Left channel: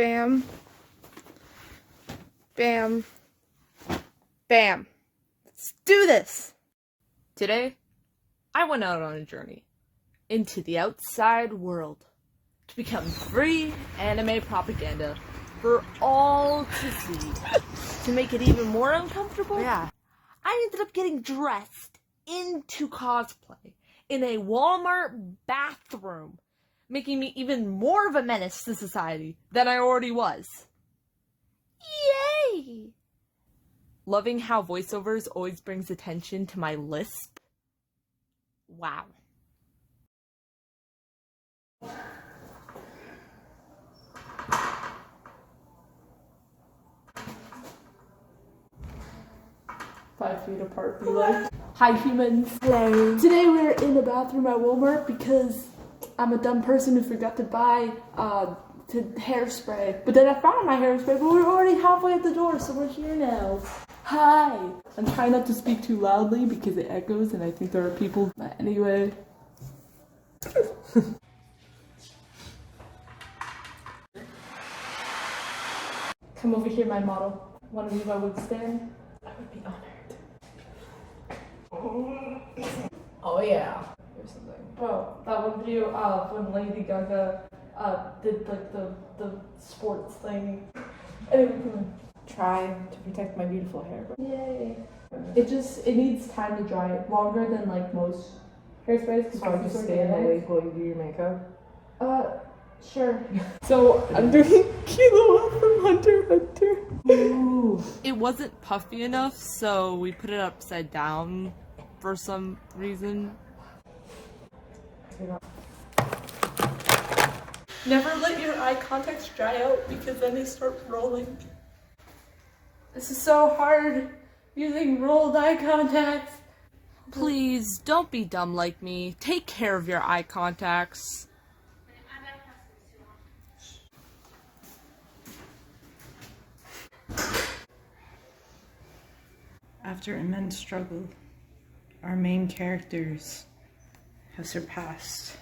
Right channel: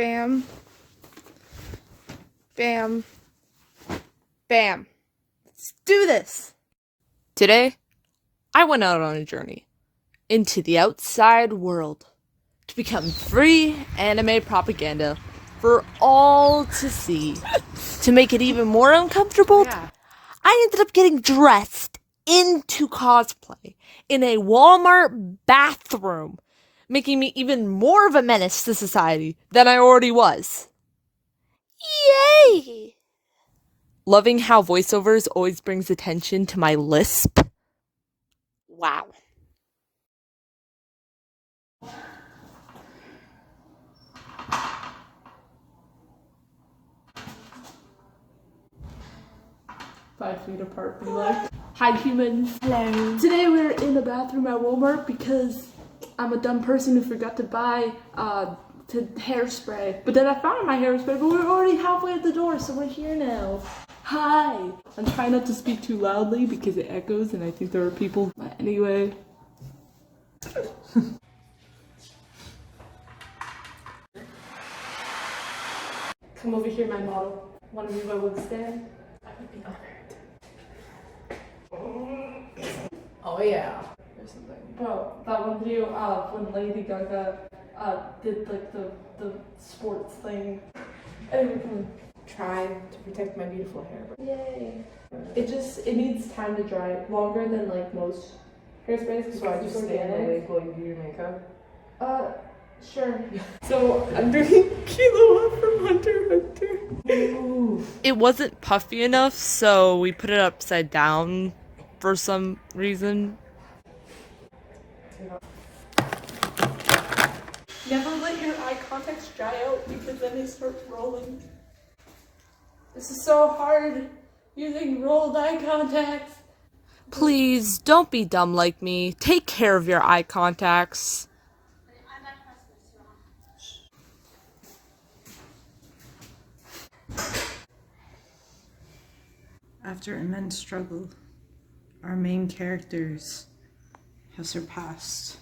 Bam. Bam. Bam. Let's do this! Today, I went out on a journey into the outside world to become free anime propaganda for all to see. To make it even more uncomfortable, I ended up getting dressed into cosplay in a Walmart bathroom, making me even more of a menace to society than I already was. Yay! Loving how voiceovers always brings attention to my lisp. Wow. 5 feet apart, be like. Hi humans. Hello. Today we're in the bathroom at Walmart because I'm a dumb person who forgot to buy hairspray. But then I found my hairspray, but we're already halfway at the door, so we're here now. Hi. I'm trying not to speak too loudly because it echoes and I think there are people. But anyway. Come over here, my model. Want to be my wig stand? I would be honored. Oh yeah. Or something. Bro, that one video when Lady Gaga did like the sports thing. Anyway, come on. Trying to protect my beautiful hair. Yay. It needs time to dry. Longer than like most hairsprays. So I just stay in the wig while you do your makeup? Sure. So I'm doing Kilo from Hunter x Hunter. Ooh. It wasn't puffy enough, so we put it upside down for some reason. Never let your eye contacts dry out because then they start rolling. This is so hard using rolled eye contacts. Please don't be dumb like me. Take care of your eye contacts. After immense struggle, our main characters have surpassed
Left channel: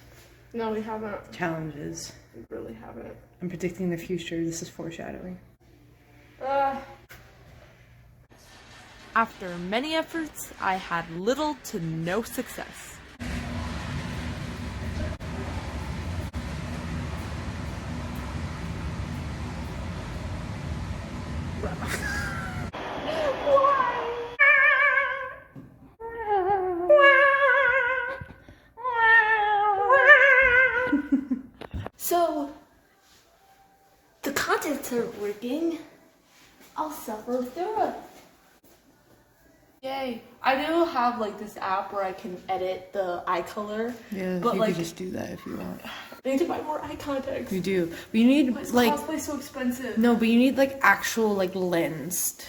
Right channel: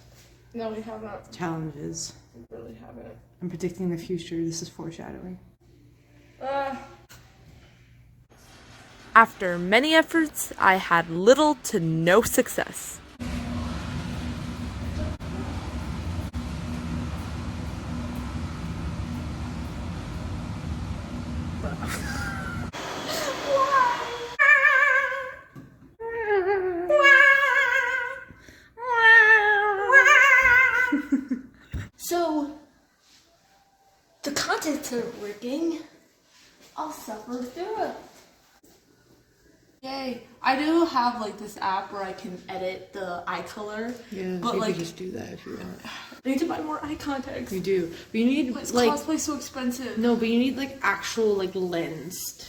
No, we haven't. challenges. We really haven't. I'm predicting the future. This is foreshadowing. After many efforts, I had little to no success. So, the contents are working. I'll suffer through it. Yay. I do have like this app where I can edit the eye color. Yeah, but you like could just do that if you want. I need to buy more eye contacts. We do. But you need Why is like cosplay so expensive? no, but you need like actual like lensed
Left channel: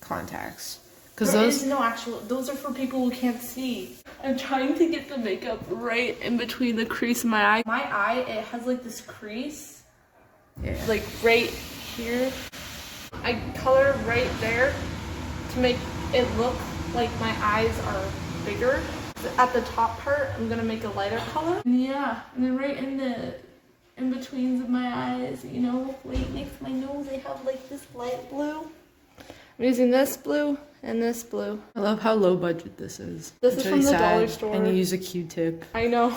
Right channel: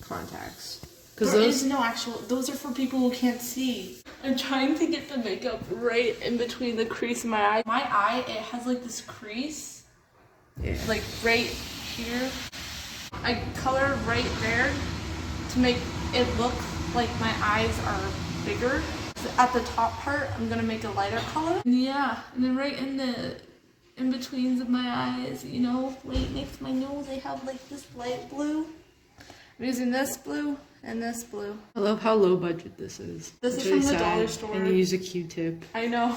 contacts. Because There those is no actual. Those are for people who can't see. I'm trying to get the makeup right in between the crease in my eye. My eye, it has like this crease, like right here. I color right there to make it look like my eyes are bigger. So at the top part, I'm gonna make a lighter color. Yeah, and then right in the in-betweens of my eyes, you know, right next to my nose, I have like this light blue. I'm using this blue and this blue. I love how low budget this is. This It's is really from the sad. dollar store. And you use a Q-tip. I know.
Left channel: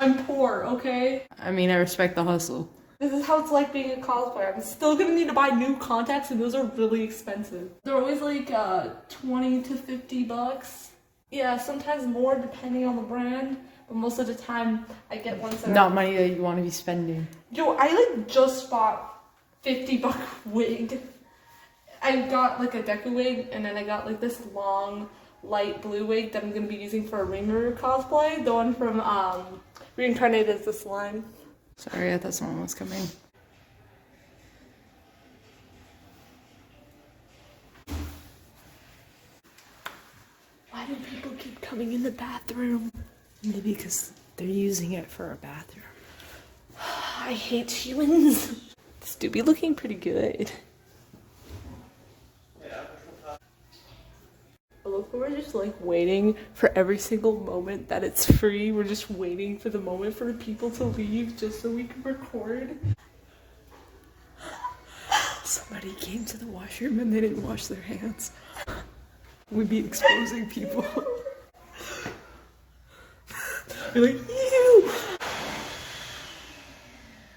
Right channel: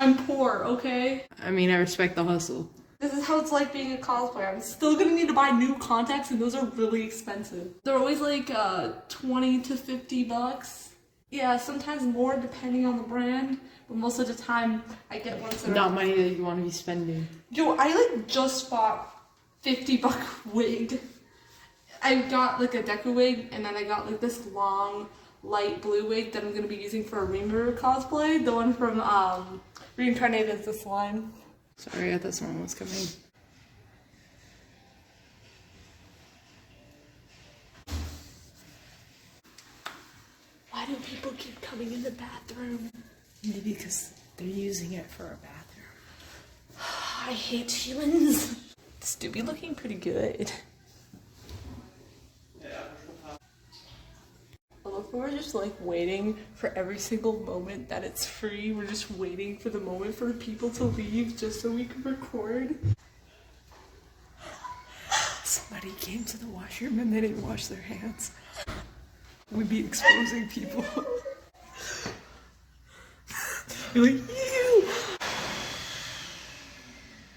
I'm poor, okay? I mean, I respect the hustle. This is how it's like being a cosplayer. I'm still gonna need to buy new contacts and those are really expensive. They're always like 20 to 50 bucks. Yeah, sometimes more depending on the brand, but most of the time I get ones that Not money that you want to be spending. Yo, I like just bought $50 wig. I got like a Deku wig and then I got like this long light blue wig that I'm gonna be using for a Rimuru cosplay. The one from Reincarnated as the Slime. Sorry, I thought someone was coming. Why do people keep coming in the bathroom? Maybe because they're using it for a bathroom. I hate humans. This do be looking pretty good. Look, we're just like waiting for every single moment that it's free. We're just waiting for the moment for the people to leave just so we can record. Somebody came to the washroom and they didn't wash their hands. We'd be exposing people. You're like, ew!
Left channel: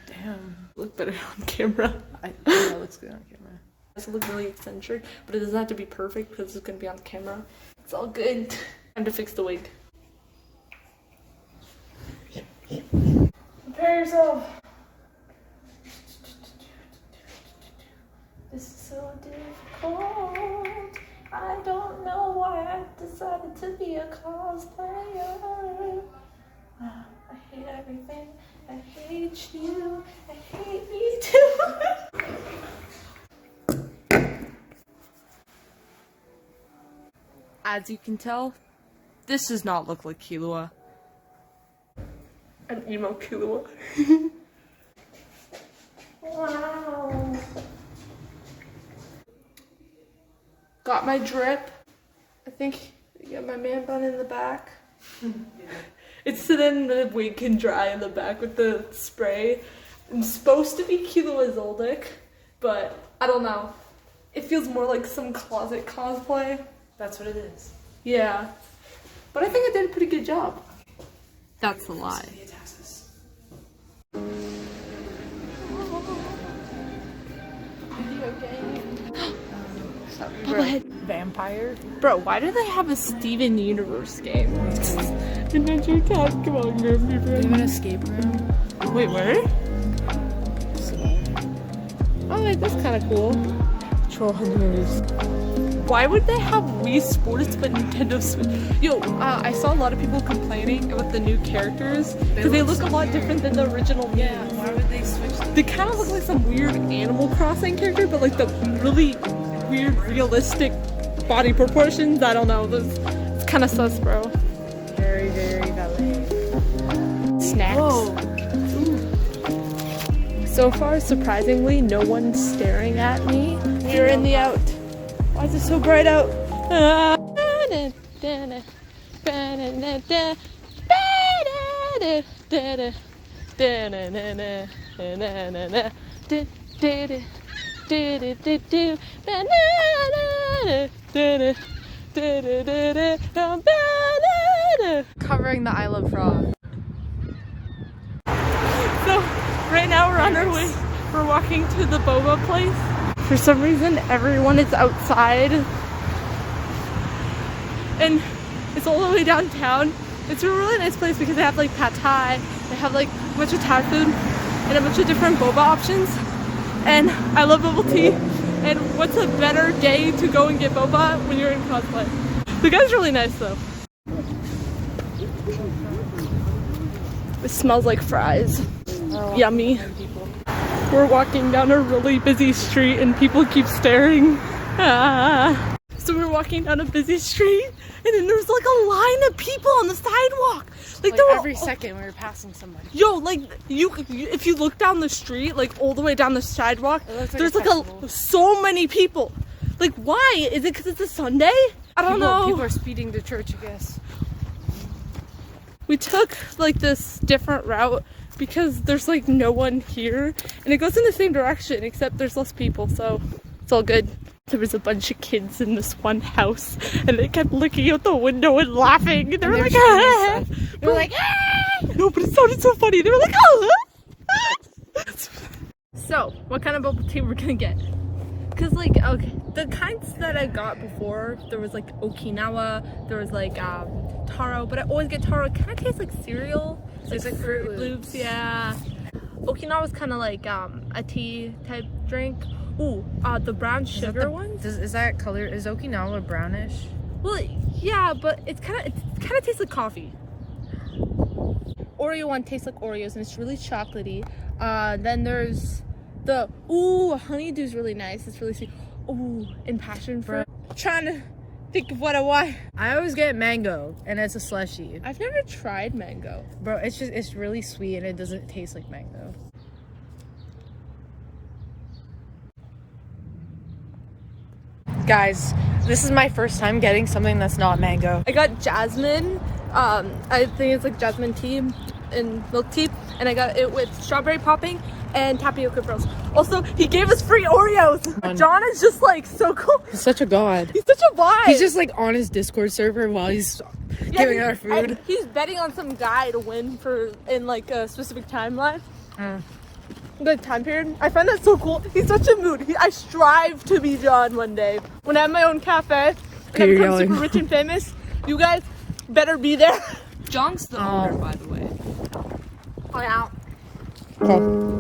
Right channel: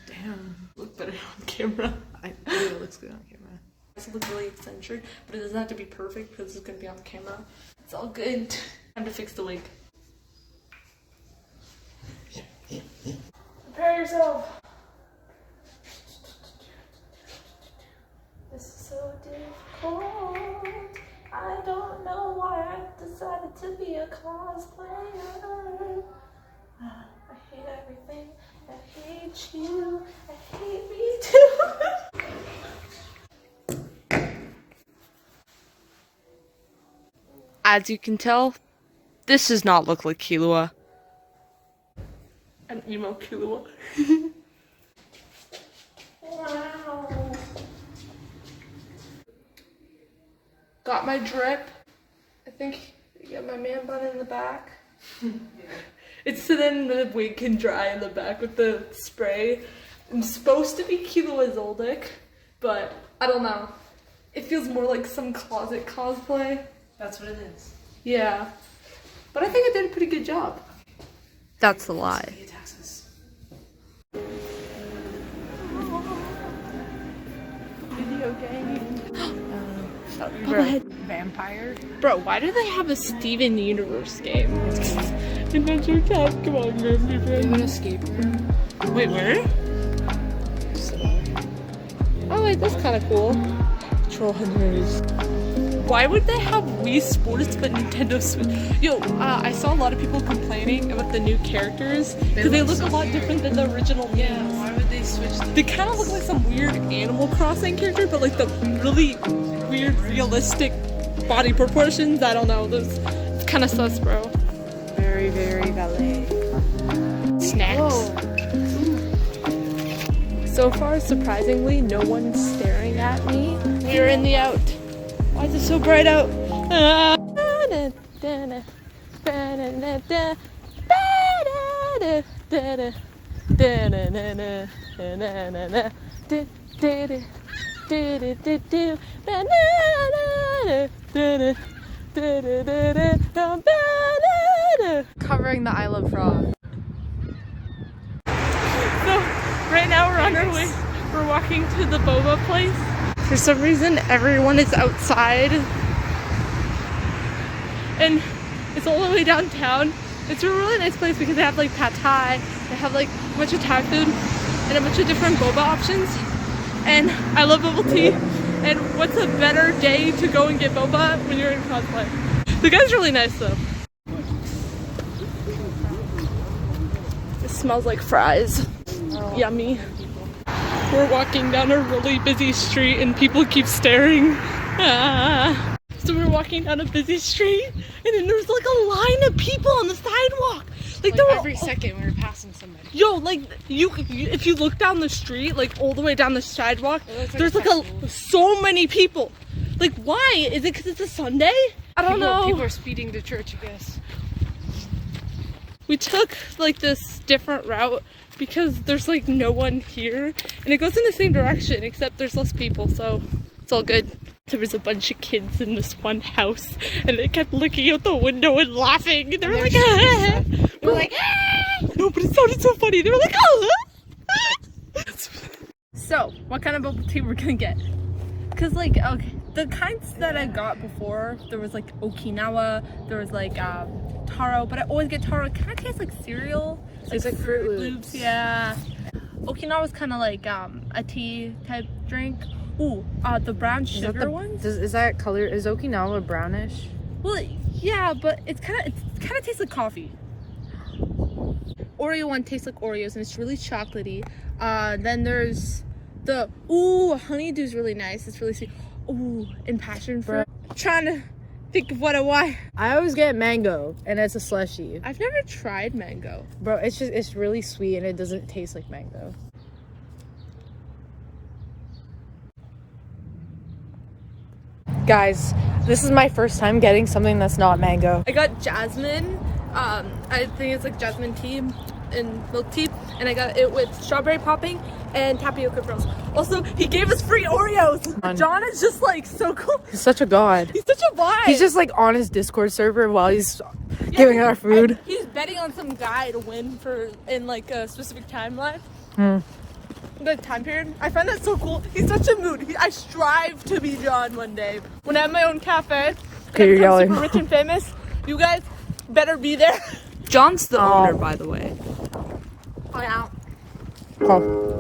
Damn. Look better on camera. Yeah, it looks good on camera. It look really eccentric, but it doesn't have to be perfect because it's gonna be on camera. It's all good. Time to fix the wig. Prepare yourself. This is so difficult. I don't know why I decided to be a cosplayer. I hate everything. I hate you. I hate me too. As you can tell, this does not look like Killua. An emo Killua. Wow. Got my drip. I think you got my man bun in the back. It's so then the wig can dry in the back with the spray. It's supposed to be Killua Zoldyck, but I don't know. It feels more like some closet cosplay. That's what it is. Yeah. But I think I did a pretty good job. That's a lie. Video game. Bubblehead. Vampire. Bro, why do they have a Steven Universe game? Adventure Time, come on, grab me, friend. An escape room. Wait, where? Oh, wait, that's kind of cool. Troll Hunters. Why would they have Wii Sports but Nintendo Switch? Yo, I saw a lot of people complaining about the new characters because they look a lot different than the original Mii's. Yeah, why would they switch them? They kind of look like some weird Animal Crossing character, but like the really weird, realistic body proportions. I don't know. It's kind of sus, bro. Very, very ballet. Snacks. So far, surprisingly, no one's staring at me. We're in the out. Why is it so bright out? Covering the I Love Frog. So, right now we're on our way. We're walking to the boba place. For some reason, everyone is outside. And it's all the way downtown. It's a really nice place because they have like pad thai. They have like a bunch of Thai food and a bunch of different boba options. And I love bubble tea. And what's a better day to go and get boba when you're in cosplay? The guy's really nice though. It smells like fries. Yummy. We're walking down a really busy street and people keep staring. So we're walking down a busy street and then there's like a line of people on the sidewalk. Like there were every second we were passing somebody. Yo, like you if you look down the street, like all the way down the sidewalk, there's like so many people. Like why? Is it because it's a Sunday? I don't know. People are speeding to church, I guess. We took like this different route because there's like no one here and it goes in the same direction except there's less people, so it's all good. There was a bunch of kids in this one house and they kept looking out the window and laughing. They were like, ah! We're like, ah! No, but it sounded so funny. They were like, oh! So, what kind of bubble tea we're gonna get? Because like, okay, the kinds that I got before, there was like Okinawa, there was like taro, but I always get taro. It kind of tastes like cereal. It's like Fruit Loops. Yeah. Okinawa's kind of like a tea type drink. Ooh, the brown sugar ones. Is that color? Is Okinawa brownish? Well, yeah, but it kind of tastes like coffee. Oreo one tastes like Oreos and it's really chocolatey. Then there's the honeydew's really nice. It's really sweet. Ooh, and passion fruit. I'm trying to think of what I want. I always get mango, and it's a slushie. I've never tried mango. Bro, it's really sweet and it doesn't taste like mango. Guys, this is my first time getting something that's not mango. I got jasmine. I think it's like jasmine tea. and milk tea, and I got it with strawberry popping and tapioca pearls. Also, he gave us free Oreos. John is just like so cool. He's such a god. He's such a vibe. He's just like on his Discord server while he's giving our food. He's betting on some guy to win in like a specific timeline. Good time period. I find that so cool. He's such a mood. I strive to be John one day. When I have my own cafe and I become super rich and famous, you guys better be there. John's the owner, by the way. Oh yeah. Oh.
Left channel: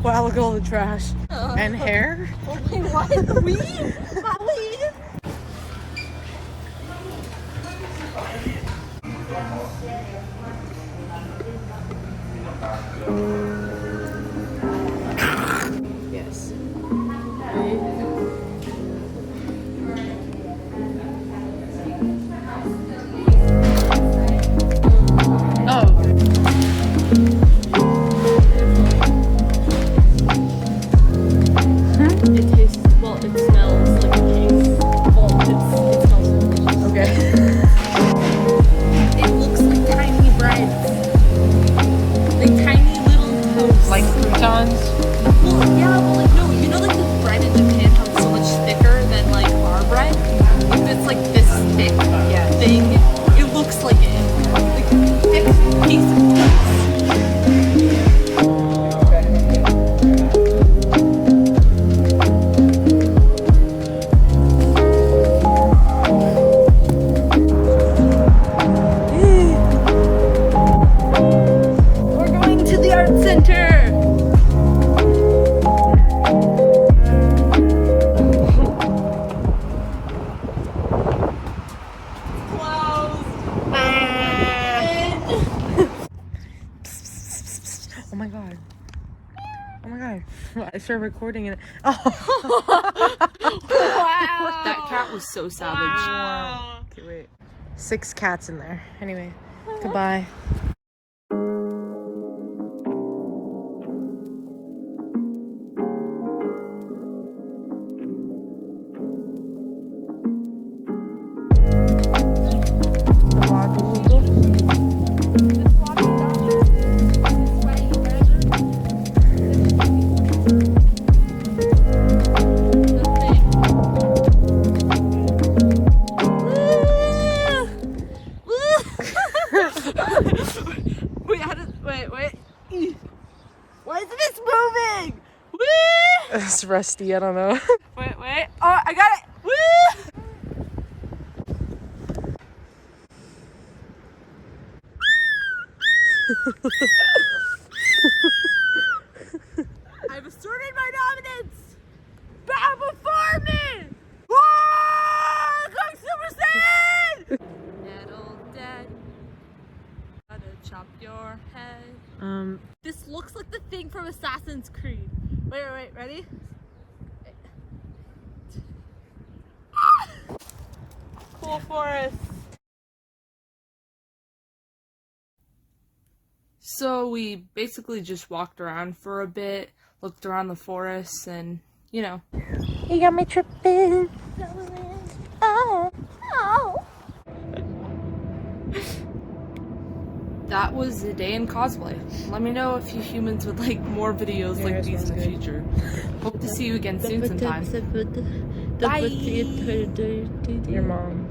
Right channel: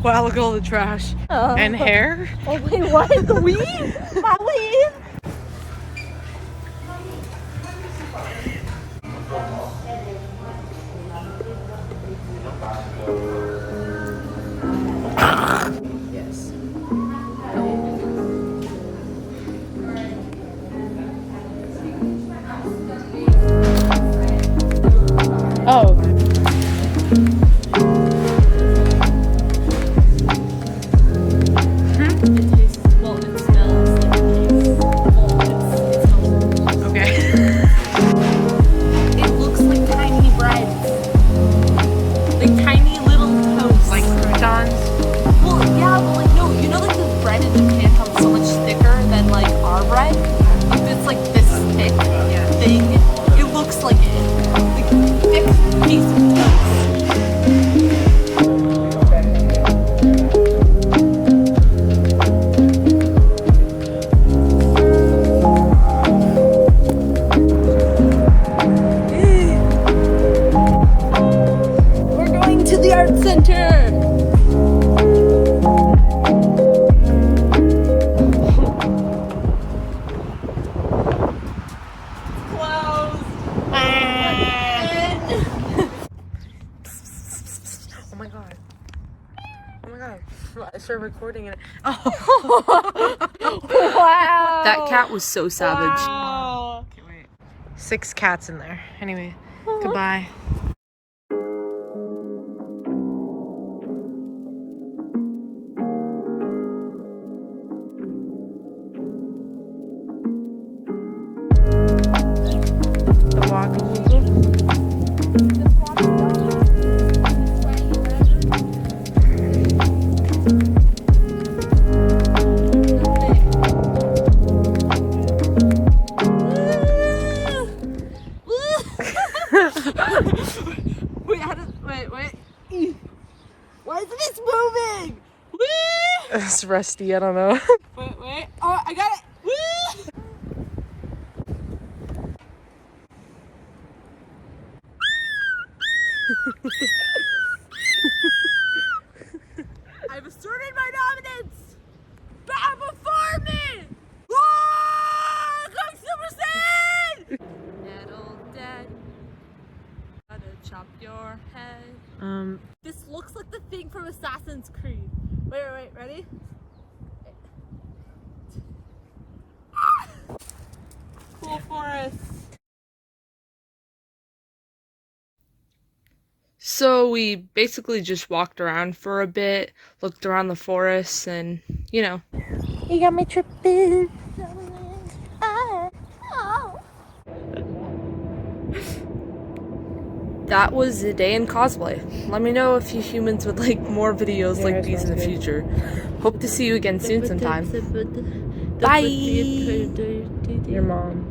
Wow, look at all the trash. And hair. Oh wait, what? Weed? Weed? Yes. Oh. It tastes, well, it smells like a cake. Well, it smells Okay. It looks like tiny bread. Like tiny little toast. Like croutons? Well, yeah, but like, no, you know like the bread in Japan how it's so much thicker than like our bread? Like it's like this thick thing. It looks like it. Like thick piece of toast. Oh my god. Oh my god. I started recording it. Oh. Wow. That cat was so savage. Wow. Okay, wait. 6 cats in there. Anyway, goodbye. The waggle. Wait. Why isn't this moving? Woo! It's rusty, I don't know. Wait. Oh, I got it. Woo! I've asserted my dominance. Bow before me. Whoa! Come Super Saiyan! Metal dead. Gotta chop your head. This looks like the thing from Assassin's Creed. Wait, ready? Cool forest. So we basically just walked around for a bit, looked around the forest, and, you know. You got me tripping. Oh. That was a day in cosplay. Let me know if you humans would like more videos like these in the future. Hope to see you again soon sometime. Bye! Your mom.